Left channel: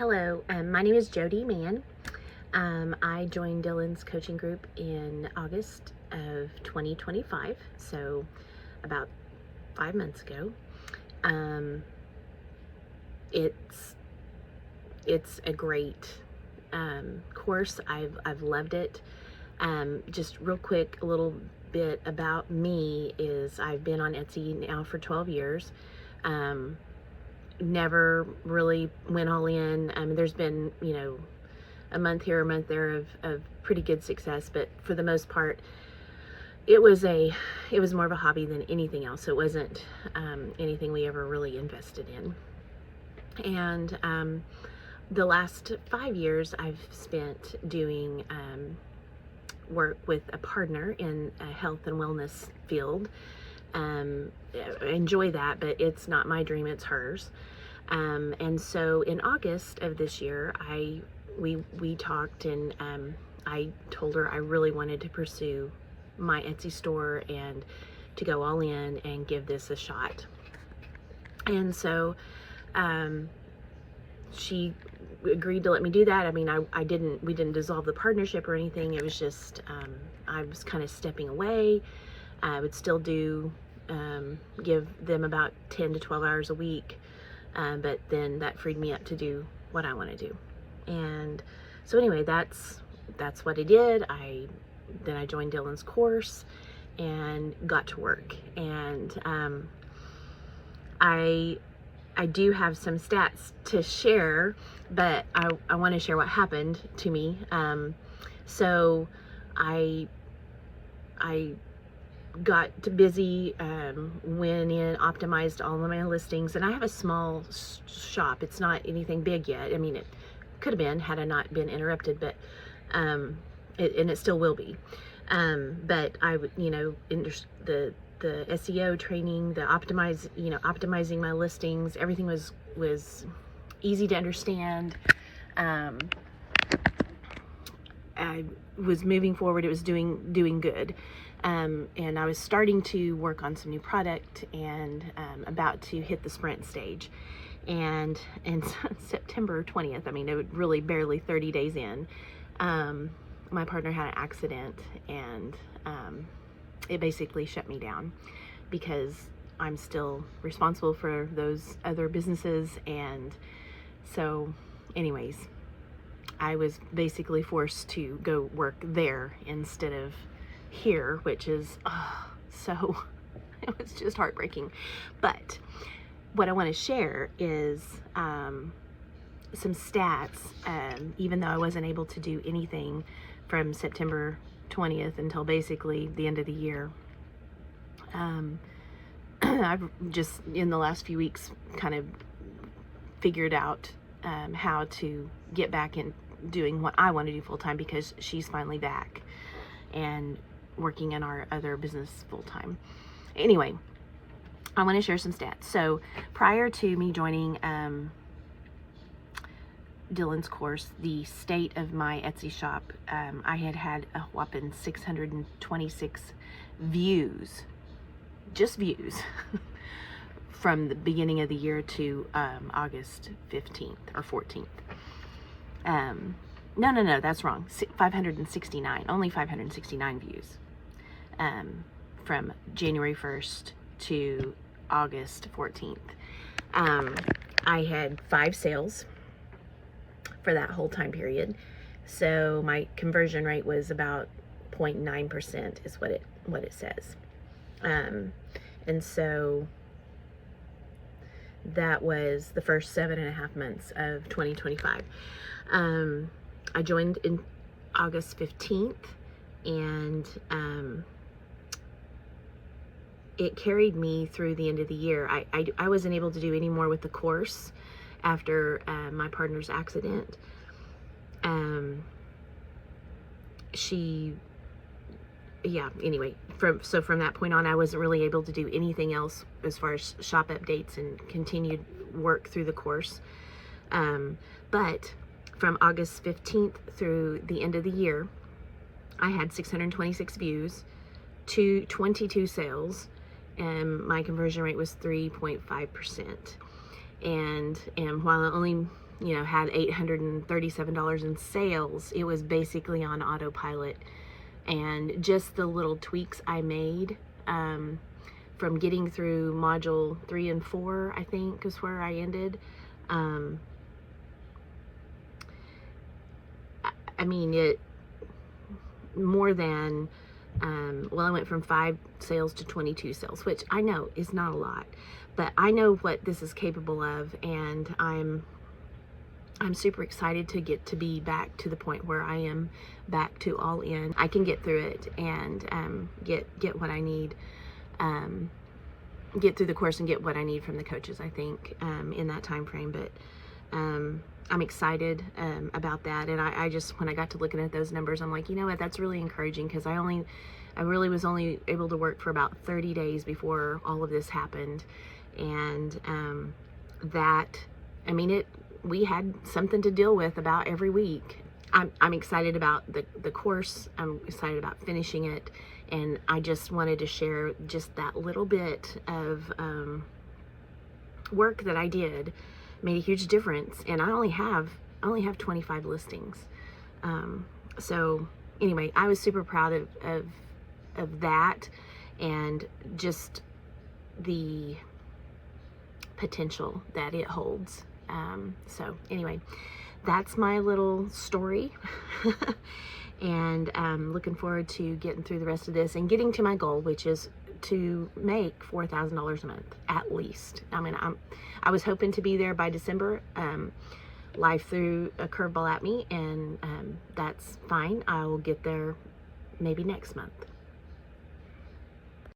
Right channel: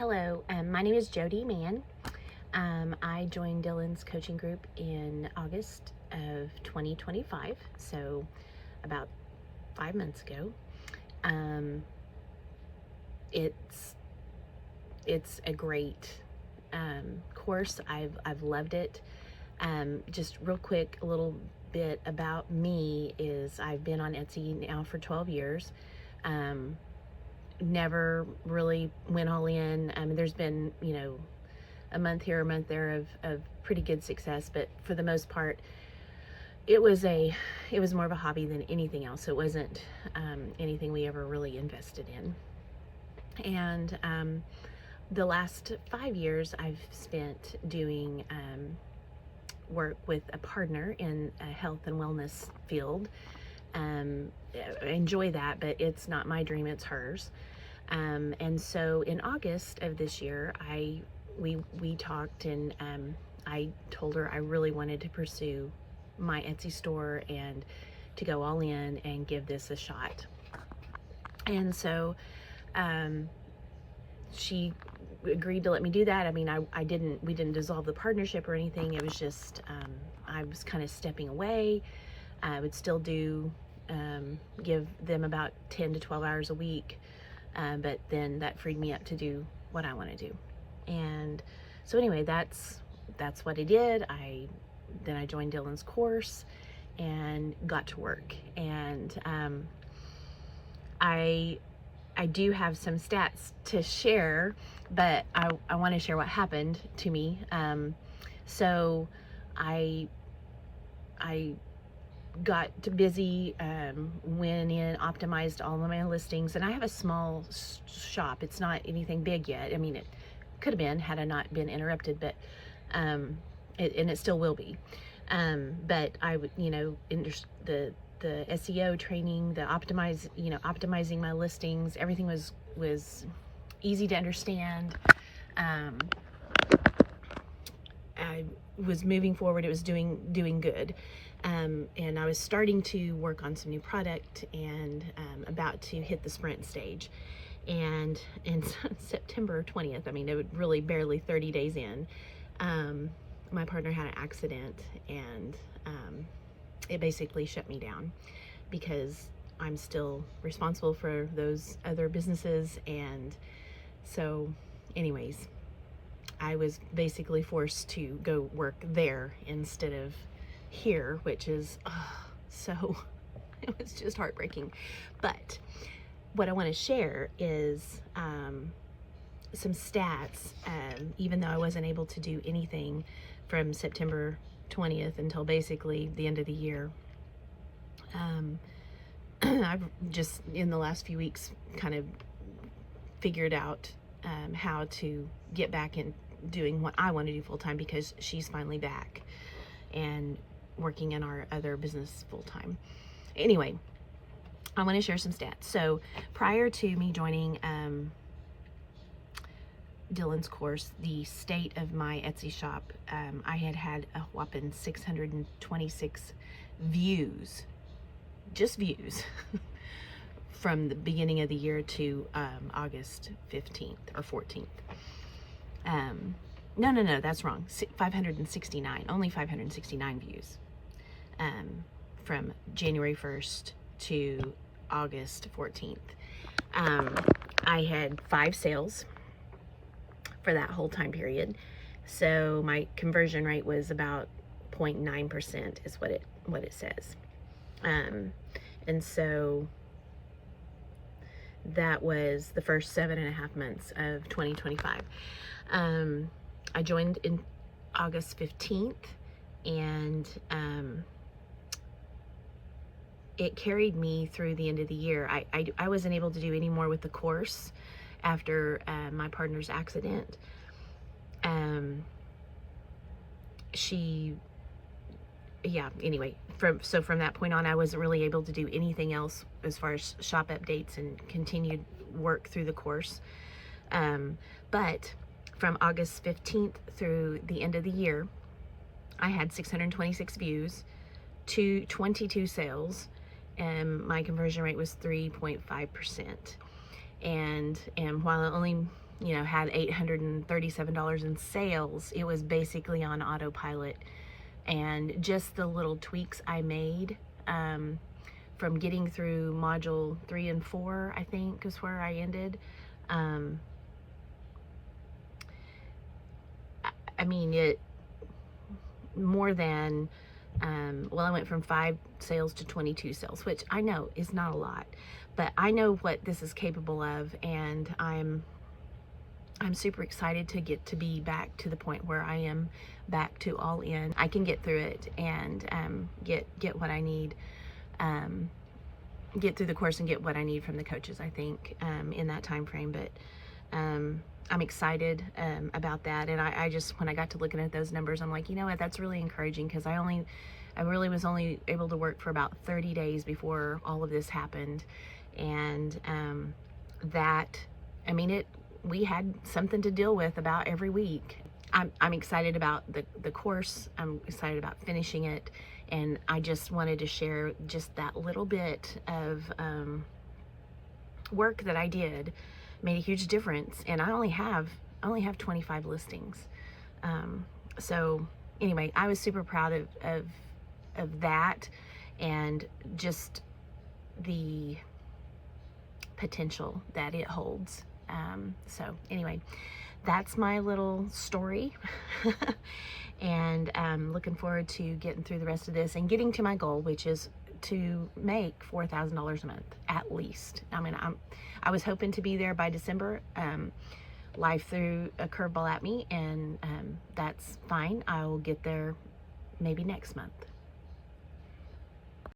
Hello, my name is Jody Mann. I joined Dylan's coaching group in August of 2025, so about 5 months ago. It's a great course. I've loved it. Just real quick, a little bit about me is I've been on Etsy now for 12 years. Never really went all in. There's been, a month here, a month there of pretty good success, but for the most part, it was more of a hobby than anything else. It wasn't anything we ever really invested in. And the last 5 years I've spent doing work with a partner in a health and wellness field. I enjoy that, but it's not my dream, it's hers. And so in August of this year, we talked, and I told her I really wanted to pursue my Etsy store and to go all in and give this a shot. And so she agreed to let me do that. I mean, we didn't dissolve the partnership or anything. It was just, I was kind of stepping away. I would still give them about 10 to 12 hours a week. But then that freed me up to do what I want to do. And so anyway, that's what I did. Then I joined Dylan's course and got to work. And I do have some stats to share, but I want to share what happened to me. So I got busy, went in, optimized all of my listings, and I have a small shop. It's not anything big yet. I mean, it could have been had I not been interrupted, but and it still will be. But I would, the SEO training, the optimizing my listings, everything was easy to understand. I was moving forward. It was doing good. And I was starting to work on some new product and about to hit the sprint stage. And September 20th, I mean, it was really barely 30 days in, my partner had an accident, and it basically shut me down because I'm still responsible for those other businesses. And so anyways, I was basically forced to go work there instead of here, which is so it was just heartbreaking. But what I want to share is some stats. Even though I wasn't able to do anything from September 20th until basically the end of the year, I've just in the last few weeks kind of figured out how to get back in doing what I want to do full time, because she's finally back and working in our other business full time. Anyway, I want to share some stats. So prior to me joining Dylan's course, the state of my Etsy shop, I had a whopping 626 views, just views, from the beginning of the year to August 15th or 14th. No, that's wrong. 569, only 569 views from January 1st to August 14th. I had 5 sales for that whole time period. So my conversion rate was about 0.9% is what it says. And so that was the first 7.5 months of 2025. I joined in August 15th, and it carried me through the end of the year. I wasn't able to do any more with the course after my partner's accident. Anyway, from that point on, I wasn't really able to do anything else as far as shop updates and continued work through the course. But from August 15th through the end of the year, I had 626 views, 22 sales, and my conversion rate was 3.5%. And while I only you know, had $837 in sales, it was basically on autopilot. And just the little tweaks I made, from getting through module 3 and 4, I think is where I ended. I mean, it more than, well, I went from 5 sales to 22 sales, which I know is not a lot, but I know what this is capable of, and I'm super excited to get to be back to the point where I am back to all in. I can get through it and get what I need, get through the course and get what I need from the coaches, I think, in that time frame. But I'm excited about that. And I just, when I got to looking at those numbers, I'm like, you know what, that's really encouraging, because I really was only able to work for about 30 days before all of this happened. And I mean, we had something to deal with about every week. I'm excited about the course. I'm excited about finishing it. And I just wanted to share just that little bit of work that I did made a huge difference. And I only have 25 listings. So anyway, I was super proud of that, and just the potential that it holds. So anyway, that's my little story. And looking forward to getting through the rest of this and getting to my goal, which is to make $4,000 a month at least. I mean, I was hoping to be there by December. Life threw a curveball at me, and that's fine. I will get there maybe next month.